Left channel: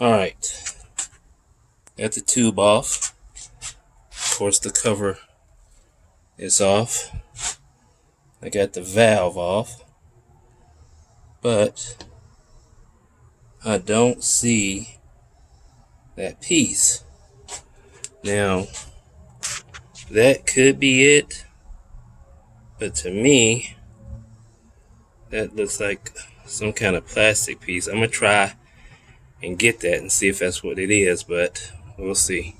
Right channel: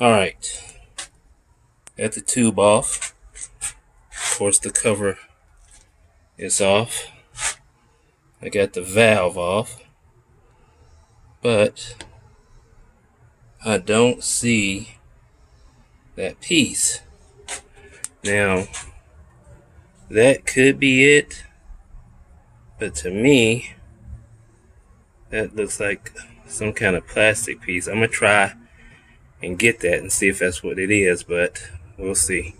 Alright, got the tube off. Of course, the cover is off. I got the valve off, but I don't see that piece. Now, that could be it, but to me, that looks like some kind of plastic piece. I'm gonna try and get that and see if that's what it is, but we'll see.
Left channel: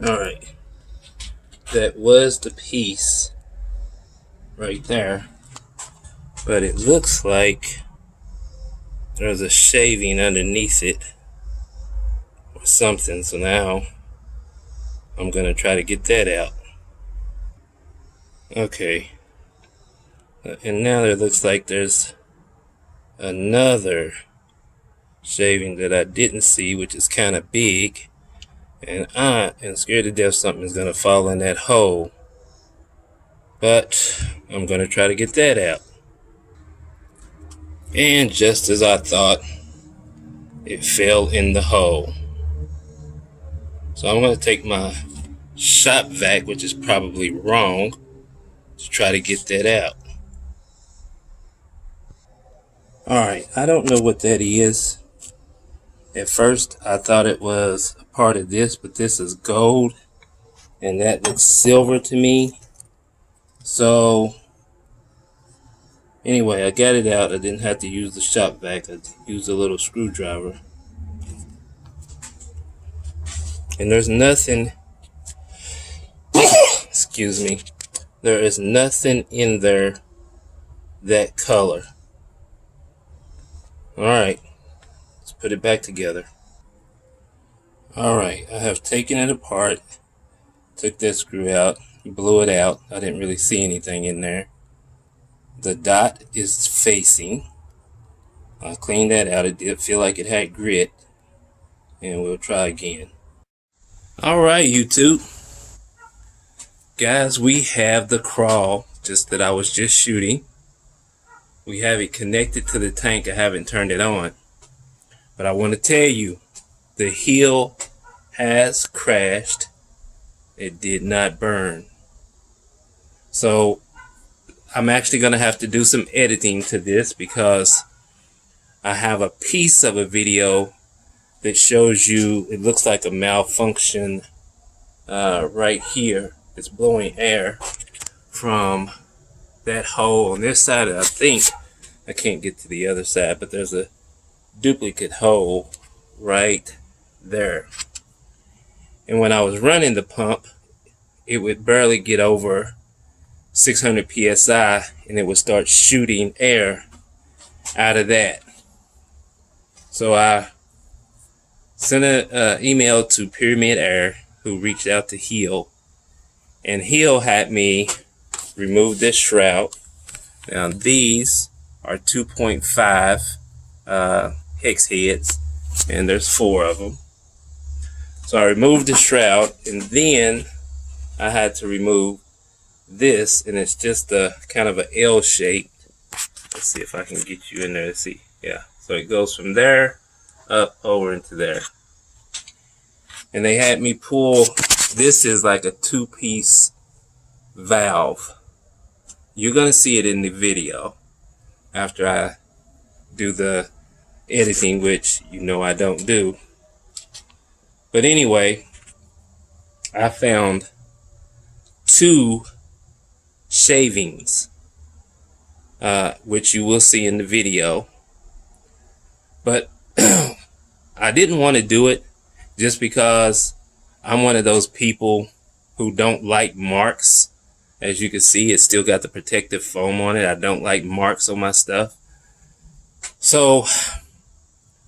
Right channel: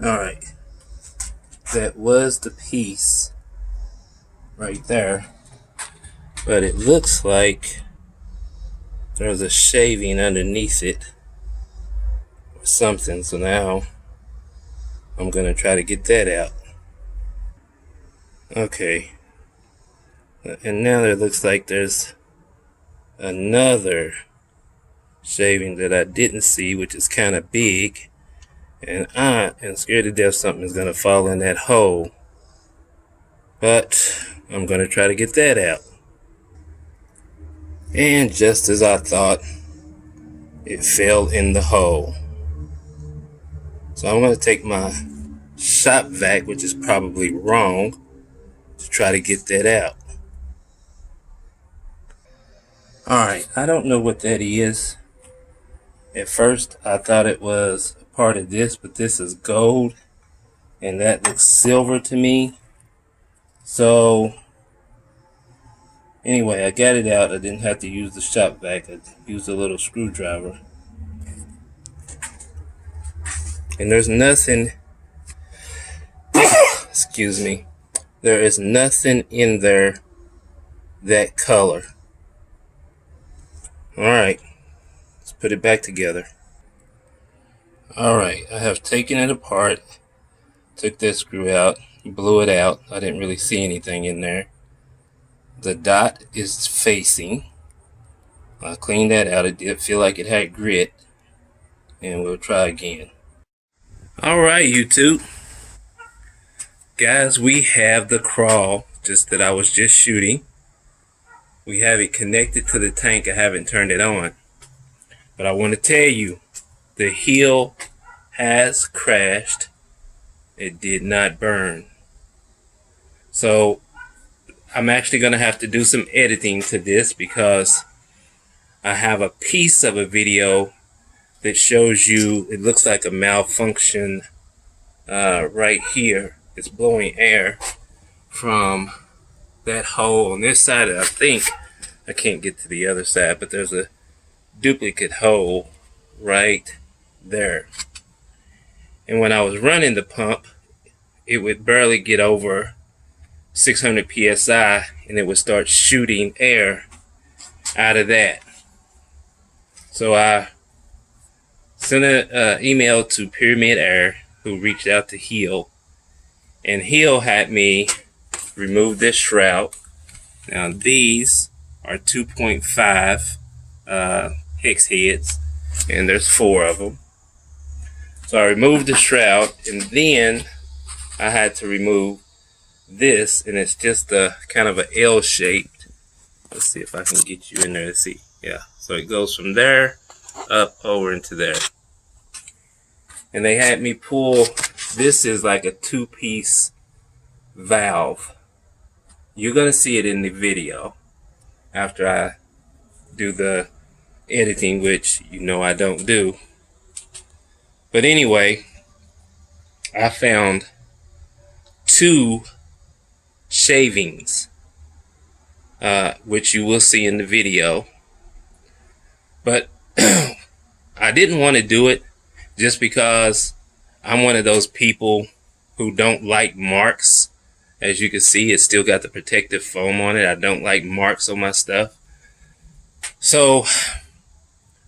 Alright, that was the piece right there, but it looks like there's a shaving underneath it or something, so now I'm gonna try to get that out. Okay, and now it looks like there's another shaving that I didn't see, which is kind of big, and I am scared to death something is gonna fall in that hole, but I'm gonna try to get that out. And just as I thought, it fell in the hole. So I'm gonna take my shop vac, which is probably wrong, to try to get that out. Alright, I don't know what that is. At first I thought it was a part of this, but this is gold and that looks silver to me. So anyway, I got it out. I didn't have to use the shop vac. I used a little screwdriver. And there's nothing excuse me, there is nothing in there that color. Alright, let's put it back together. Alright, I have taken it apart, took that screw out, blew it out. I didn't really see anything in there. The dot is facing. I cleaned that out. It did feel like it had grit, and we'll try again. Alright, YouTube. Guys, we have the crawl, just that I was just shooting. We have it connected to the tank. I haven't turned it on. But I want to tell you, the heel has crashed. It did not burn. So I'm actually going to have to do some editing to this, because I have a piece of a video that shows you, it looks like a malfunction right here. It's blowing air from that hole on this side. I think I can't get to the other side, but there's a duplicate hole right there. And when I was running the pump, it would barely get over 600 psi, and it would start shooting air out of that. So I sent an email to Pyramyd Air, who reached out to Heel, and Heel had me remove this shroud. Now these are 2.5 hex heads, and there's 4 of them. So I removed the shroud, and then I had to remove this, and it's just a kind of a L shaped. Let's see if I can get you in there to see. Yeah, so it goes from there up over into there. And they had me pull, this is like a 2-piece valve. You're gonna see it in the video after I do the editing, which you know I don't do. But anyway, I found 2 shavings, which you will see in the video. But I didn't want to do it just because I'm one of those people who don't like marks. As you can see, it's still got the protective foam on it. I don't like marks on my stuff. So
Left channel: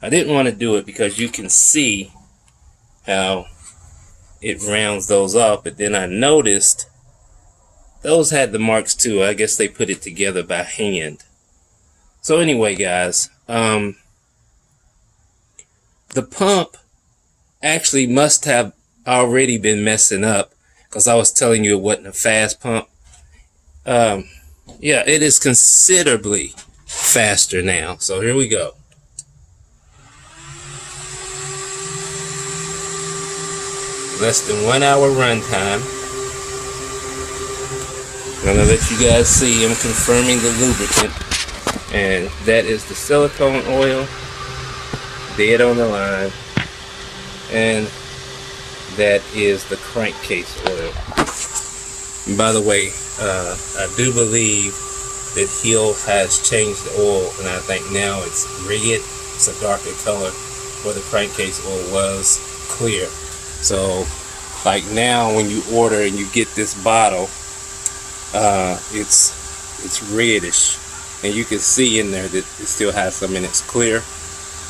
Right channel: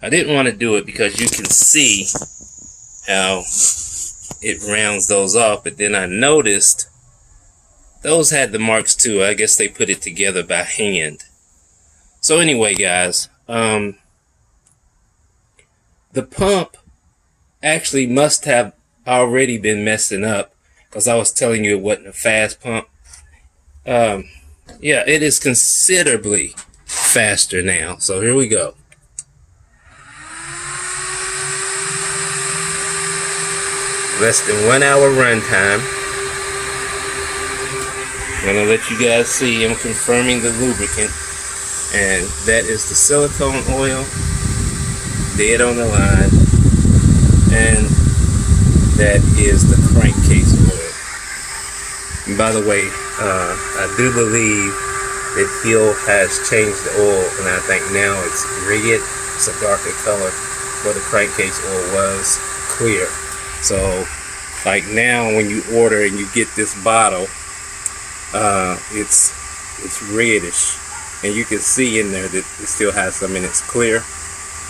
I didn't want to do it because you can see how it rounds those off. But then I noticed those had the marks too. I guess they put it together by hand. So anyway, guys, the pump actually must have already been messing up, because I was telling you it wasn't a fast pump. Yeah, it is considerably faster now. So here we go. less than 1 hour run time. I'm gonna let you guys see. I'm confirming the lubricant, and that is the silicone oil, dead on the line, and that is the crankcase oil. And by the way, I do believe that Hill has changed the oil, and I think now it's red. It's a darker color, where the crankcase oil was clear. So like now when you order and you get this bottle, it's reddish, and you can see in there that it still has some in it's clear.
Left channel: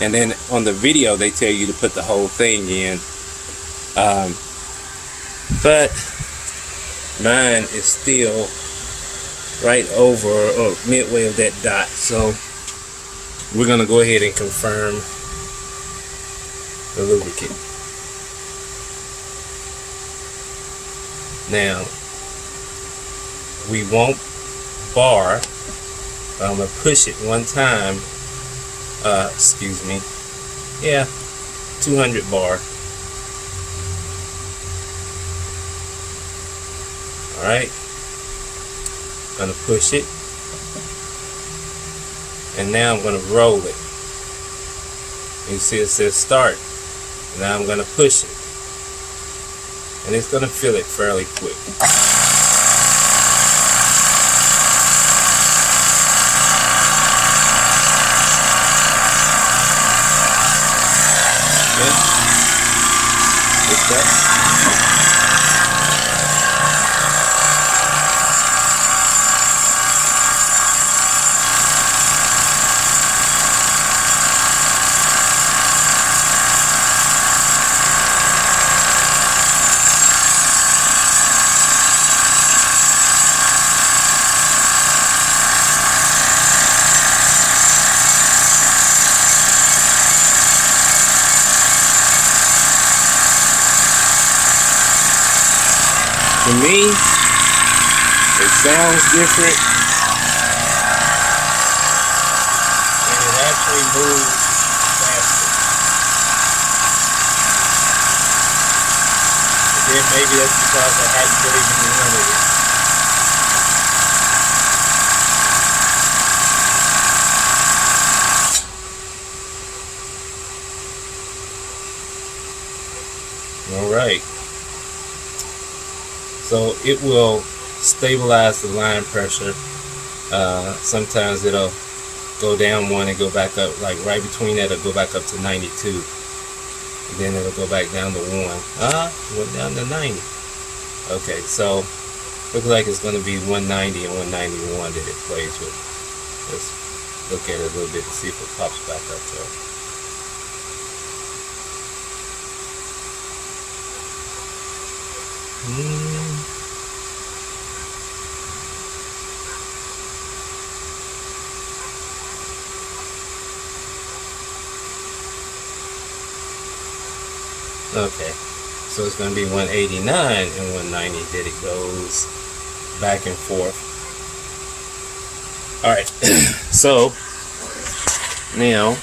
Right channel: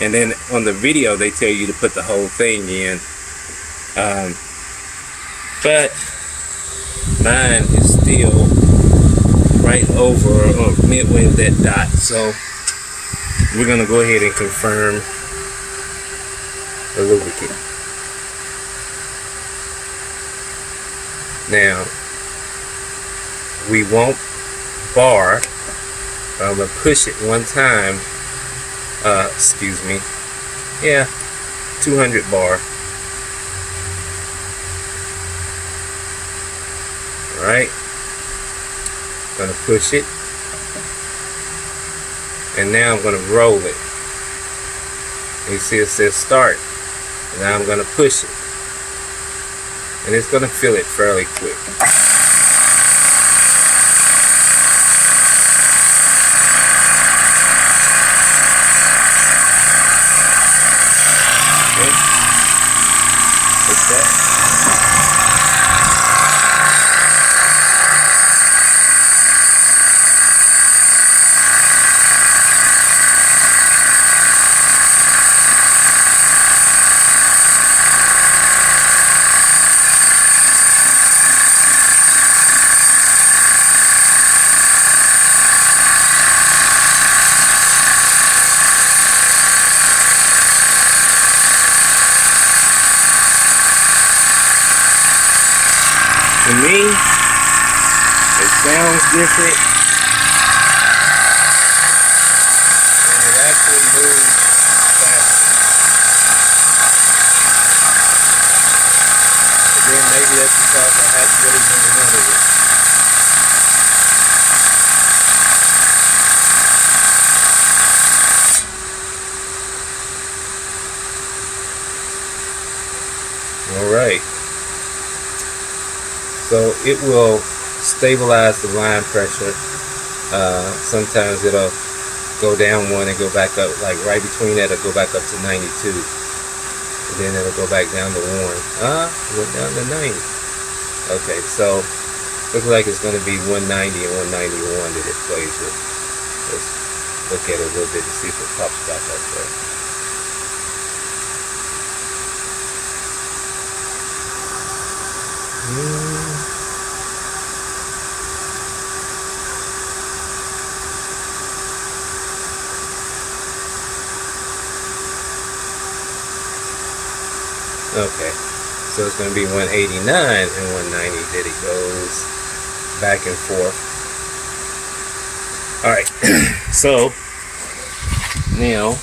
And then on the video they tell you to put the whole thing in, but mine is still right over or midway of that dot. So we're gonna go ahead and confirm the lubricant. Now we won't bar. I'm gonna push it one time. Excuse me. Yeah, 200 bar. All right. Gonna push it, and now I'm gonna roll it. You see it says start. And now I'm gonna push it, and it's gonna fill it fairly quick. Okay. Like that. To me, it sounds different, and it actually moves faster. But then maybe that's because I hadn't really been running it. All right. So it will stabilize the line pressure. Sometimes it'll go down one and go back up, like right between that, it'll go back up to 92. And then it'll go back down to 1. Went down to 90. Okay, so looks like it's going to be 190 and 191 that it plays with. Let's look at it a little bit and see if it pops back up there. Okay, so it's going to be 189 and 190 that it goes back and forth. Alright, so now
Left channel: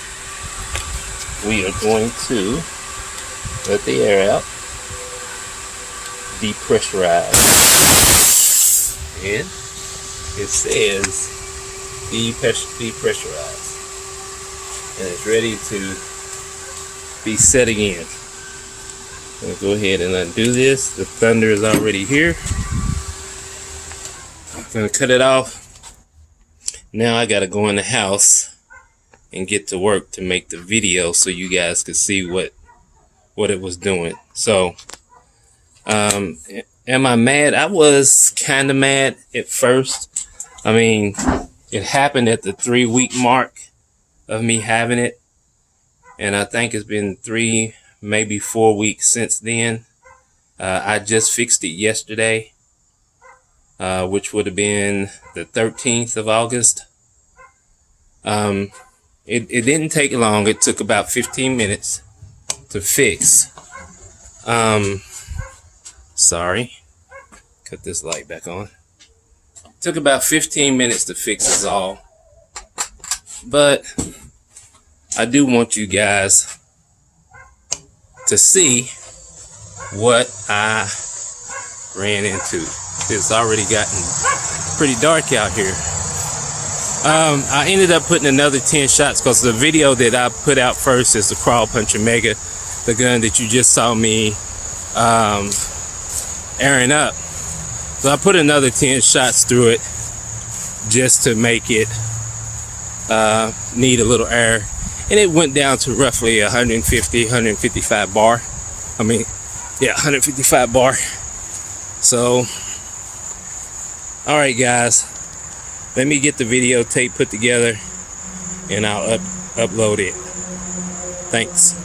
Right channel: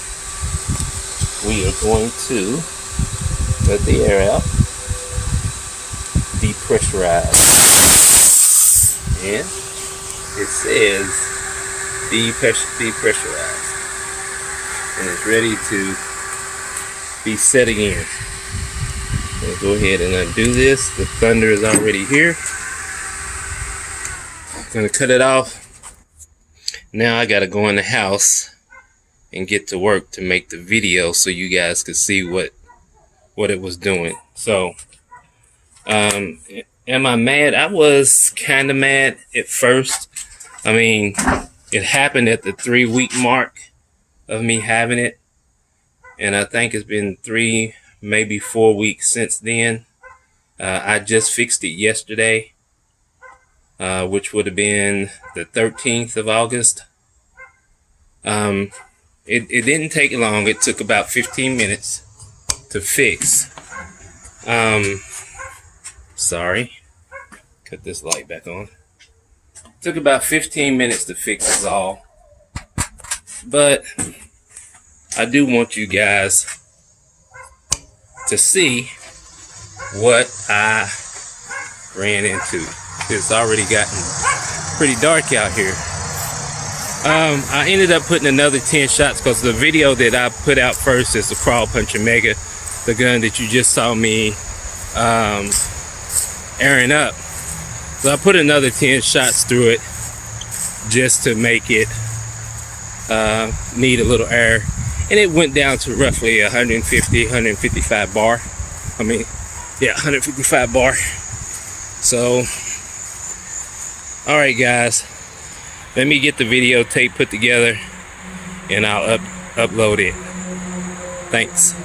we are going to let the air out, depressurize, and it says depressurized, and it's ready to be set again. I'm going to go ahead and undo this. The thunder is already here. I'm going to cut it off. Now I got to go in the house and get to work to make the video so you guys could see what it was doing. So, am I mad? I was kind of mad at first. I mean, it happened at the 3-week mark of me having it, and I think it's been 3, maybe 4 weeks since then. I just fixed it yesterday, which would have been the 13th of August. It didn't take long. It took about 15 minutes to fix. Sorry, cut this light back on. Took about 15 minutes to fix this all, but I do want you guys to see what I ran into. It's already gotten pretty dark out here. I ended up putting another 10 shots because the video that I put out first is the Crawl Puncher Mega, the gun that you just saw me airing up. So I put another 10 shots through it just to make it need a little air, and it went down to roughly 155 bar. I mean, yeah, 155 bar. So, all right, guys, let me get the videotape put together and I'll upload it. Thanks.